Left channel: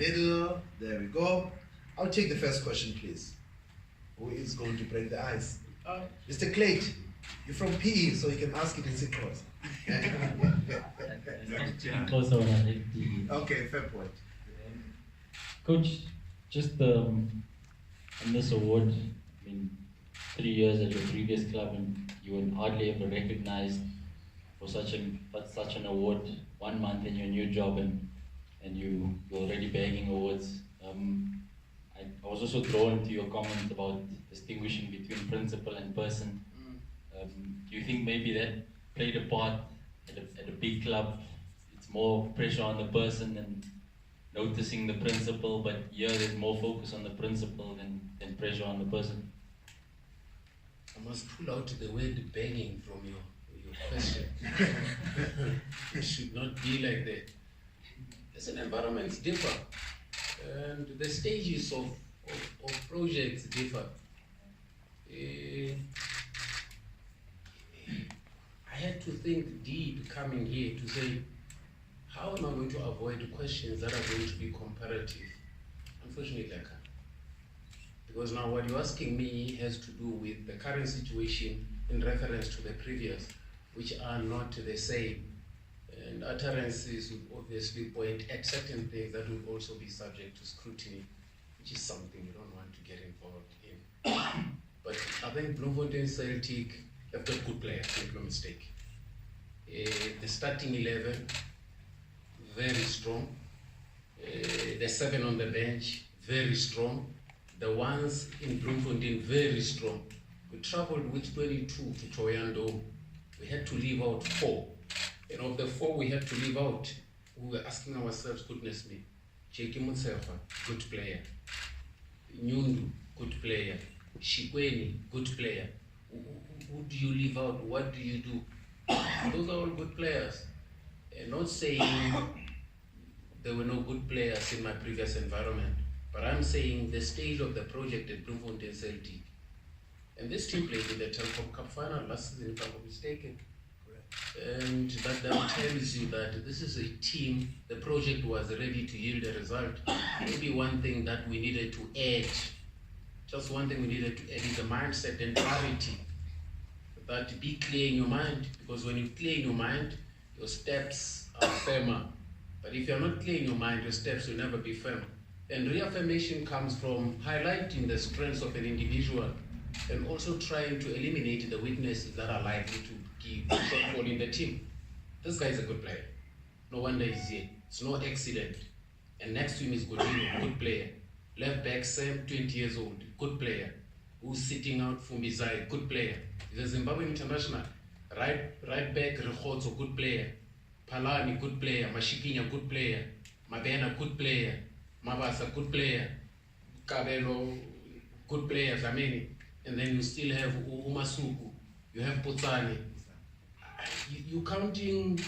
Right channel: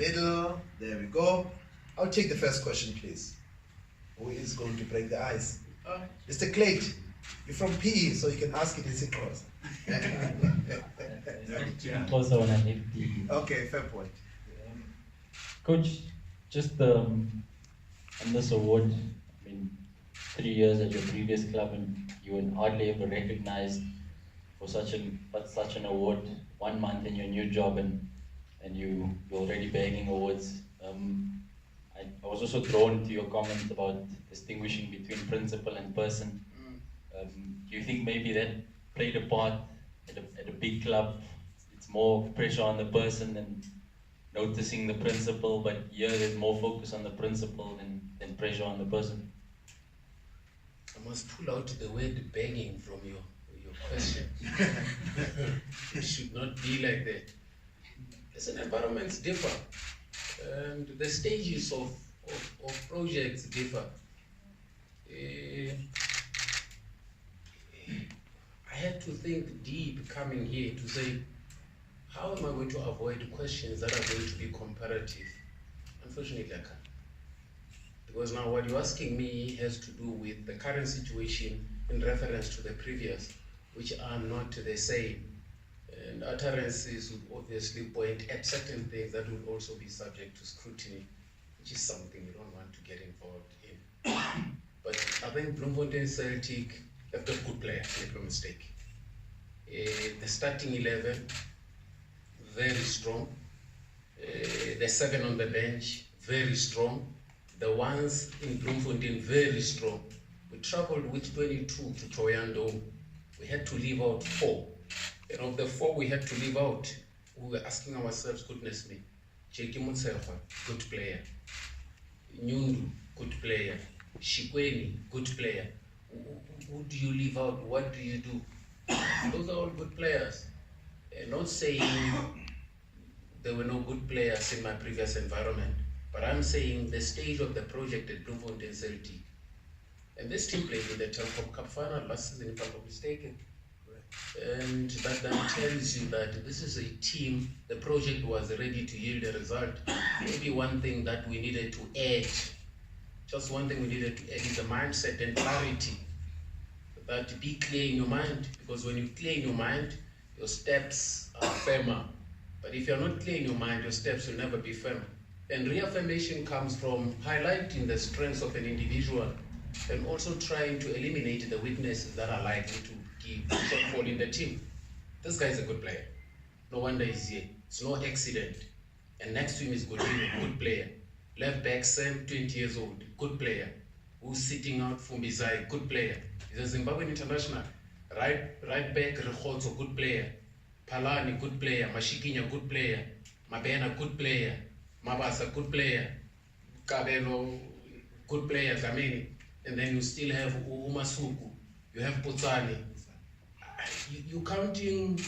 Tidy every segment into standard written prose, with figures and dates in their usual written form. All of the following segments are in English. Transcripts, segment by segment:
middle. There we go. I'll take the first question, please. Who is going to break the ice? Mr. Clayt, you're from PE, so you can ask it in Sikros. Okay, fair point. Coach, just on this award, 3 years at your previous club, and you were hardly ever recognized for such an award. 1 month in your new job, and you're already bagging awards. I was also drawn to your comment about distinguishing between principal and person. Do you think maybe that played a part at a big club? It's more pressure on the person than noticing the principal, but here there's more focus on the principal than pressure on the person. I must pull out the word begging from your question. It should not be like that. Listen, environments differ, and the stages of projects differ. I had to think deep coming here to say, how am I going to avoid questions that are going to be comparative? Unfortunately, I can't. Because now what you're asking me has to do with the current situation in reference to the previous, which are not the same. And utterances would obviously point at certain things that would also be subject to scrutiny, which is something you don't want to get involved in. But I think Bloemfontein Celtic have got good players, make no mistake. The starting 11, very strong. The 7 on the bench, very strong. The ones in Bloemfontein, very strong. We traveled with 22 to Thohoyandou. We had to leave out 4. And of the 4 we had to leave out, we were asking ourselves, goodness me, Cheki Mutsefa, good player. Nyundu, good player. Shikweni, good player. Who do you leave out? What do you do? Those are all good players. And not saying there were no good players in my previous environment, but I'm saying the stage of the project at Bloemfontein Celtic. And this team played in the Telkom Cup final last season, if I'm not mistaken. And that tells you that this is a team, the project was ready to yield a result. Maybe one thing that we needed to add, just one thing we needed to add is a mindset and clarity. That be clear in your mind, because when you clear in your mind, your steps are firmer. But if you're not clear in your mind, your steps will never be firm. And reaffirmation comes from highlighting the strengths of an individual and also trying to eliminate the weaknesses that are likely to give shortfall in the team. This guy is a good player. No wonder he's here. It's no accident. And next to him is Godinho, good player. Left back Sam, 20 years old, good player. Who's sitting out Fumbizai, good player. He's a Zimbabwean international. Right back Rechotso, good player. Palani, good player. Mashikinya, good player. Mabena, good player. Mabasa, good player. Kabelo, good player. Zameni. And then you still have Umasuku. You have Potsani. You're counting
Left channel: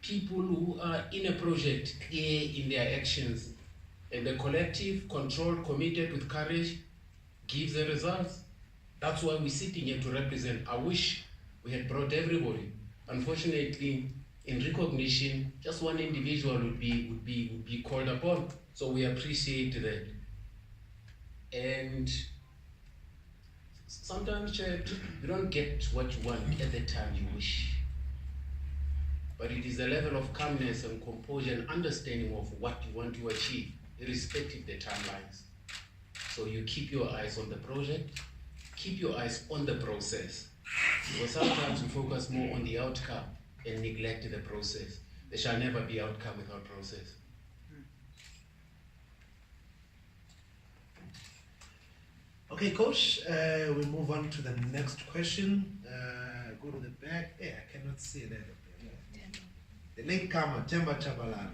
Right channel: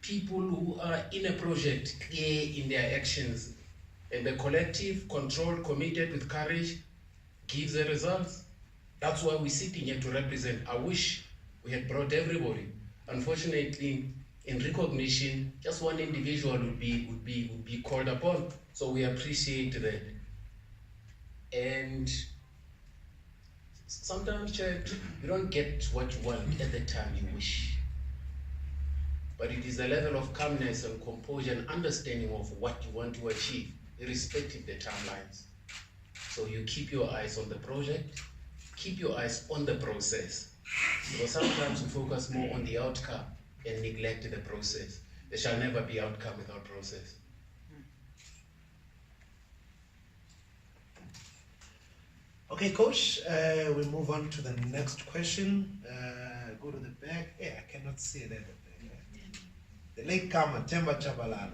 people who are in a project clear in their actions. And the collective, controlled, committed with courage gives the results. That's why we're sitting here to represent. I wish we had brought everybody. Unfortunately, in recognition, just one individual would be called upon. So we appreciate that. And sometimes you don't get what you want at the time you wish. But it is a level of calmness and composure and understanding of what you want to achieve, irrespective of the timelines. So you keep your eyes on the project, keep your eyes on the process. Because sometimes we focus more on the outcome and neglect the process. There shall never be outcome without process. Okay, Coach, we move on to the next question. Go to the back. Yeah, I cannot see it there. The latecomer, Temba Chabalala.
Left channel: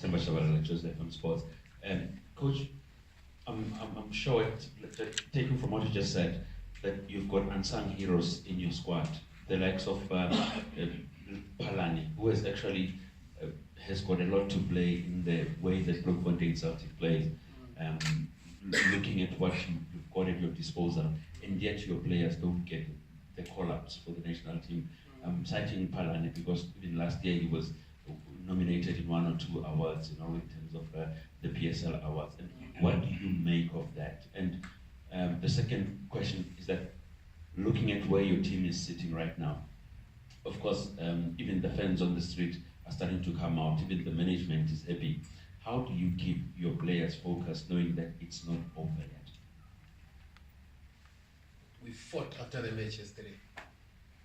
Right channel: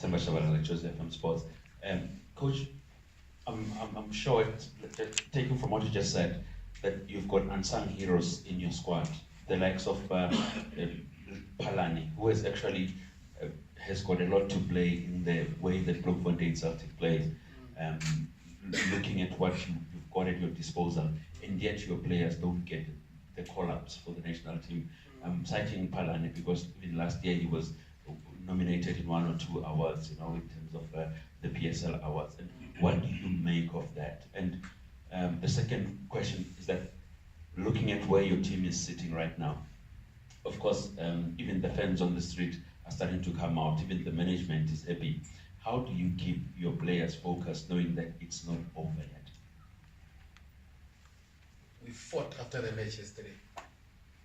Temba Chabalala, Joseph from Sports. Coach, I'm sure, taking from what you just said, that you've got unsung heroes in your squad, the likes of Palani, who has actually has got a lot to play in the way that Bloemfontein Celtic plays. Looking at what you've got at your disposal, and yet your players don't get the call-ups for the national team. Citing Palani because even last year he was nominated in 1 or 2 awards, you know, in terms of the PSL awards. And what do you make of that? And the second question is that, looking at where your team is sitting right now, of course, even the fans on the street are starting to come out, even the management is happy. How do you keep your players focused, knowing that it's not over yet? We fought after the match yesterday.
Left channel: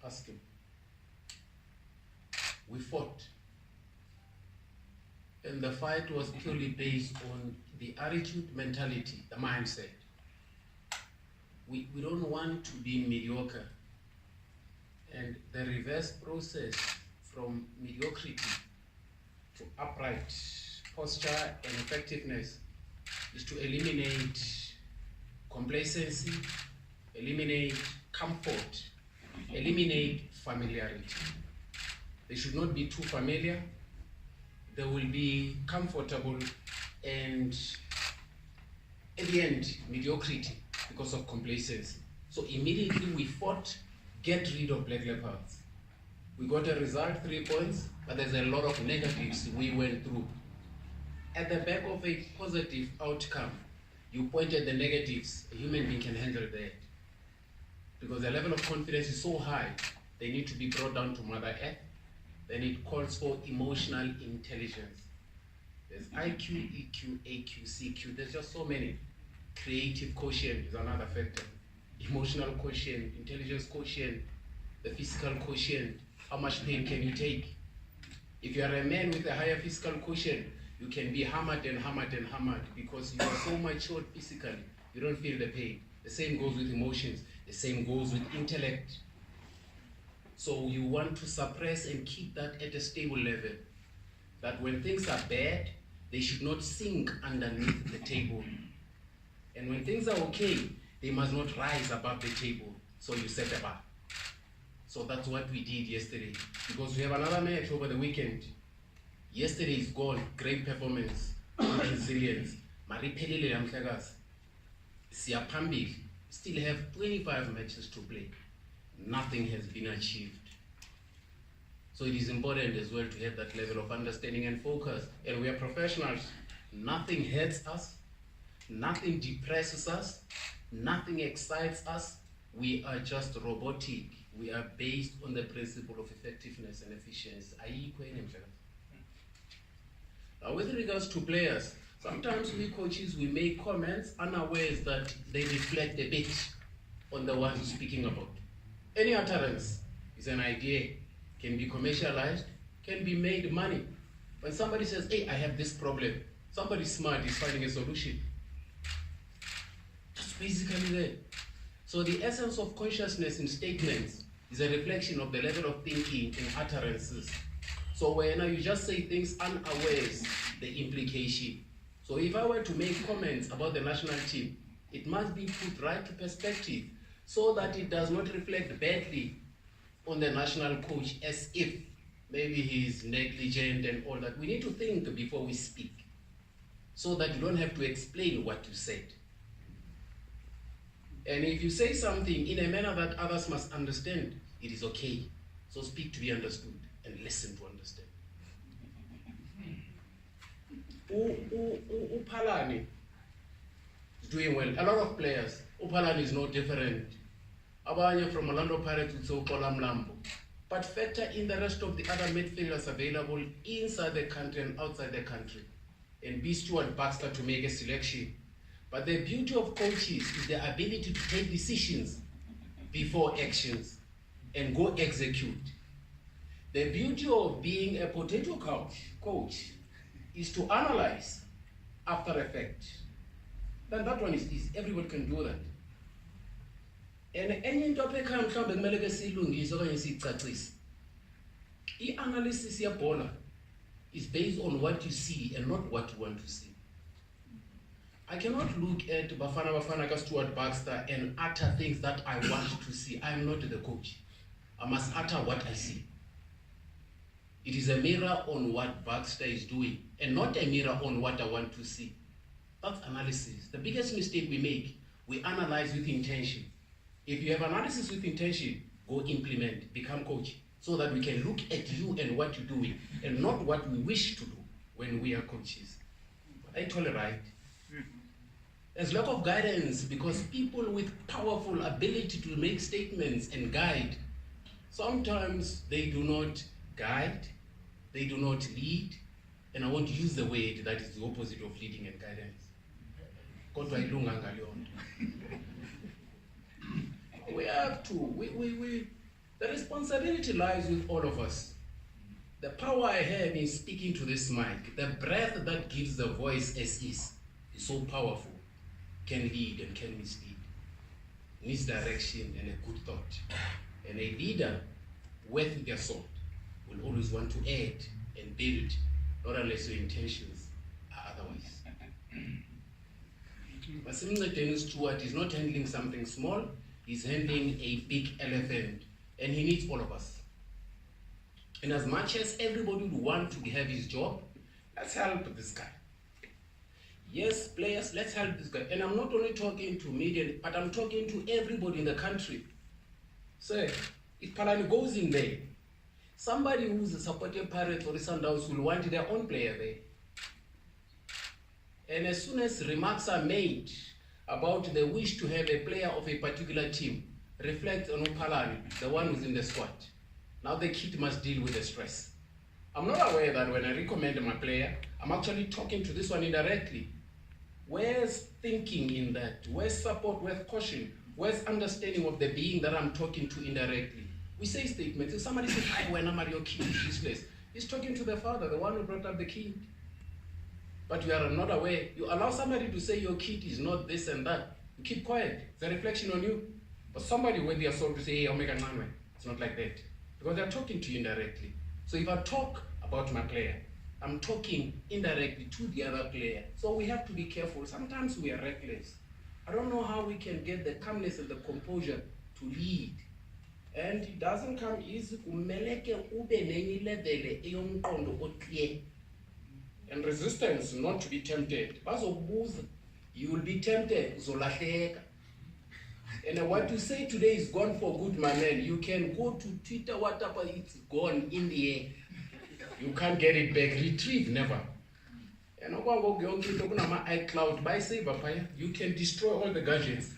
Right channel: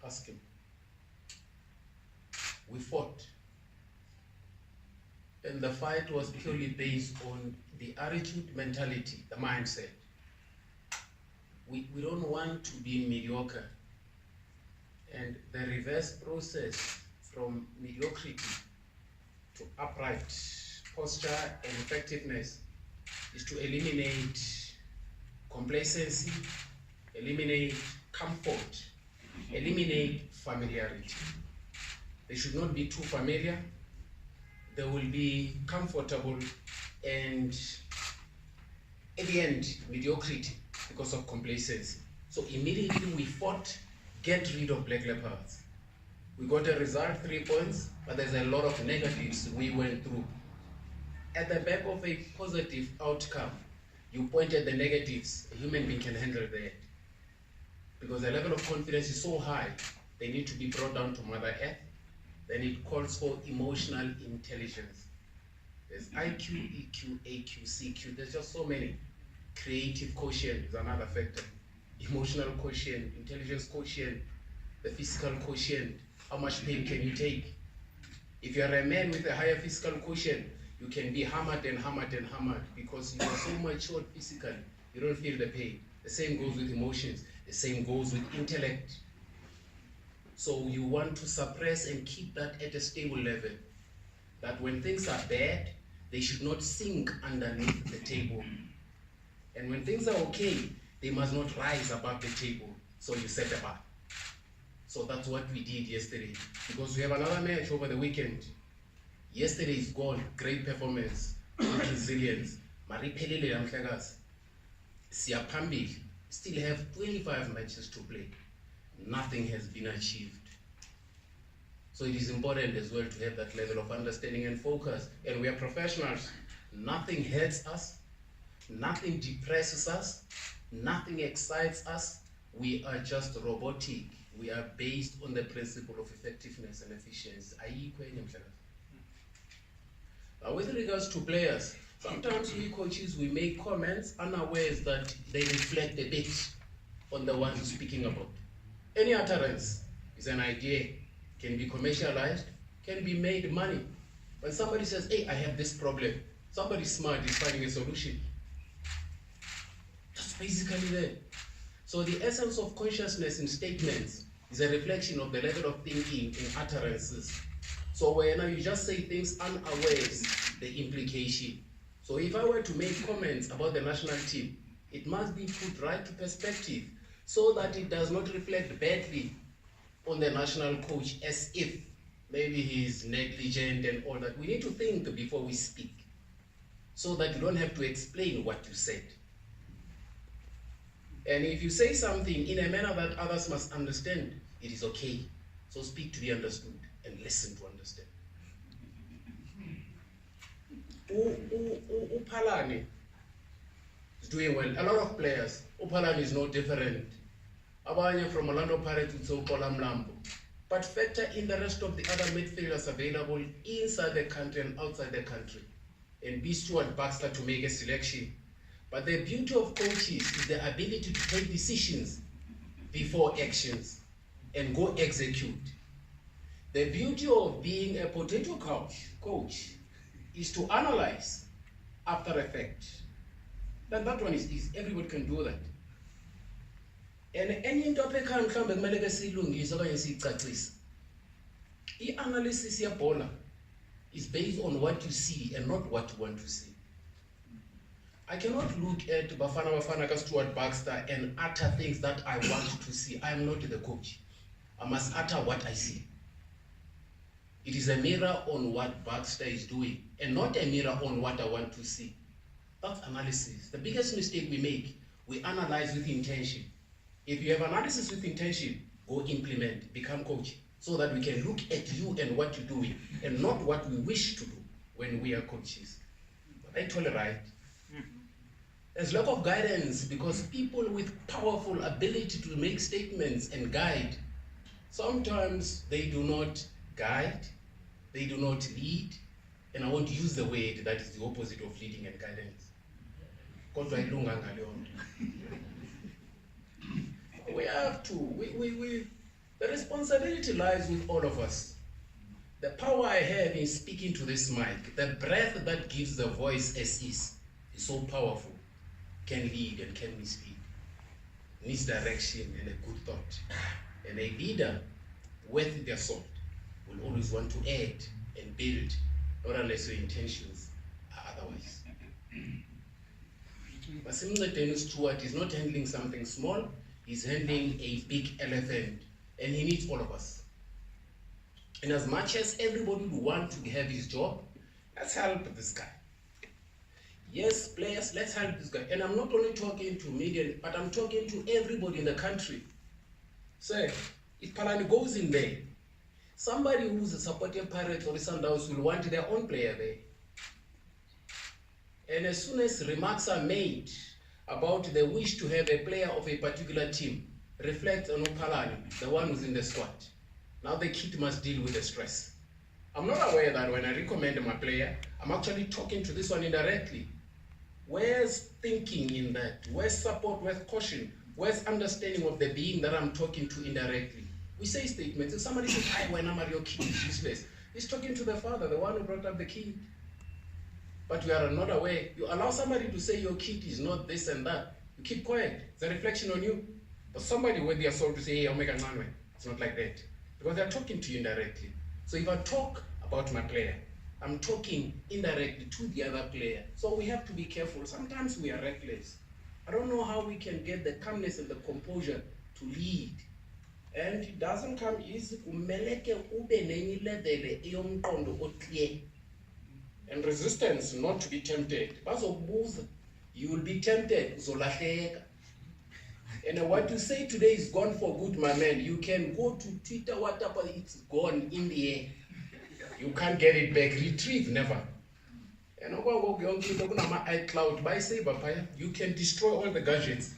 Ask him. We fought. And the fight was purely based on the attitude, mentality, the mindset. We don't want to be mediocre. And the reverse process from mediocrity to upright posture and effectiveness is to eliminate complacency, eliminate comfort, eliminate familiarity. They should not be too familiar. They will be comfortable, and at the end, mediocrity because of complacency. So immediately we fought, get rid of Black Leopards. We got a result, 3 points, but there's a lot of negatives we went through. At the back of a positive outcome, you pointed the negatives. A human being can handle that. Because the level of confidence is so high, they need to be brought down to Mother Earth. Then it calls for emotional intelligence. There's IQ, EQ, AQ, CQ. There's just so many. Creative quotient is another factor. Emotional quotient, intelligence quotient, the physical quotient. How much pain can you take? If you are a man with a higher physical quotient, you can be hammered and hammered and hammered because you are so matured physically, you don't feel the pain. The same goes with emotions. The same goes with intellect. So you want to suppress and keep that at a stable level. That when things are bad, they should not sink underneath the table. And when things are okay, they must not rise above the table. So you set a bar. So that's what we did yesterday. Because we have another match over the weekend. Yesterday is gone. Great performance. Good resilience. Maripelele Amhlagazi. Siapambil. Still have 25 matches to play. Nothing has been achieved. So it is important as well to have that level of understanding and focus. And we are professionals. Nothing hurts us. Nothing depresses us. Nothing excites us. We are just robotic. We are based on the principle of effectiveness and efficiency. Now, with regards to players, sometimes we coaches, we make comments unawares that they reflect a bit on the ones we're speaking about. Any utterance is an idea, can be commercialized, can be made money. When somebody says, hey, I have this problem, somebody smart is finding a solution. That's basically it. So the essence of consciousness in statements is a reflection of the level of thinking in utterances. So when you just say things unawares, the implication. So if I were to make comments about the national team, it must be put right to perspective so that it does not reflect badly on the national coach as if maybe he's negligent and all that. We need to think before we speak so that you don't have to explain what you said. And if you say something in a manner that others must understand, it is okay. So speak to be understood and listen to understand. Upalani is doing well. A lot of players. Upalani is no different. Abanye from Orlando Pirates with Zokola Mlambo. But factor in the rest of the other midfielders available inside the country and outside the country. And be Stuart Baxter to make a selection. But the beauty of coaches is the ability to take decisions before actions and go execute. The beauty of being a potato coach is to analyze after effect. Then that one is easy. Everybody can do that. And any topic can come back to silungisa okanye sicacisa. The analysis yebhola is based on what you see and not what you want to see. I cannot look at Bafana ka Stuart Baxter and utter things that I want to see. I am not the coach. I must utter what I see. It is a mirror on what Baxter is doing and not a mirror on what I want to see. That's analysis. The biggest mistake we make, we analyze with intention. If you have analysis with intention, go implement, become coach. so that we can look at you and what you're doing, and not what we wish to do when we are coaches. But I tolerate. There's lack of guidance because people with powerful ability to make statements and guide, sometimes they do not guide, they do not lead, and I want to use the word that is the opposite of leading and guidance. Kodwa ilunga ngaleyo nto. We have to, the responsibility lies with all of us. The power I have in speaking to this mic, the breath that gives the voice as is so powerful, can lead and can mislead. Needs direction and a good thought. And a leader worth their salt will always want to add and build, not unless your intentions are otherwise. But Dennis Stewart is not handling something small, he's handling a big elephant, and he needs all of us. And as much as everybody would want to have his job, let's help this guy. Yes, players, let's help this guy. And I'm not only talking to media, but I'm talking to everybody in the country. So, if Palani goes in there, somebody who's a supporting Pirates or the Sundowns will want their own player there. And as soon as remarks are made about the wish to have a player of a particular team, reflect on Palani, the one who's in the squad. Now the kid must deal with the stress. I'm not aware that when I recommend my player, I'm actually talking to this one indirectly. Where's thinking in that? Where's support? Where's caution? Where's understanding of the being that I'm talking to indirectly? We say statements. If somebody says, "I when I'm your kid is useless," he's talking to the father, the one who brought up the kid. But you are not aware. You allow somebody to say your kid is not this and that. You keep quiet. It's a reflection on you. But somebody, when they are sold to say, "Hey, I'll make a man," it's not like that. Because they're talking to you indirectly. So if I talk about my player, I'm talking indirectly to the other player. So we have to be careful. Sometimes we are reckless. I don't know how we can get the calmness and the composure to lead. And it doesn't come easy. And resistance, not to be tempted. You will be tempted. And what you say today is gone for good, my man. You can go to Twitter, whatever, it's gone in the air. You can't get it back. Retrieve, never. And iCloud by Saber, you can destroy all the gadgets.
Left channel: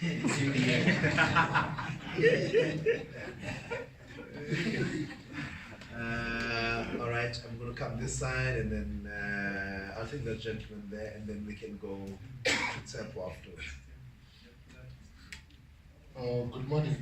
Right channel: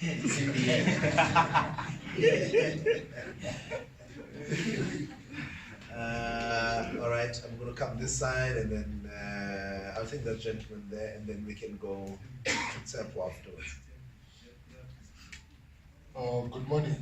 It's in the air. All right, I'm going to come this side and then I'll take that gentleman there and then we can go to Tsepo afterwards. Good morning.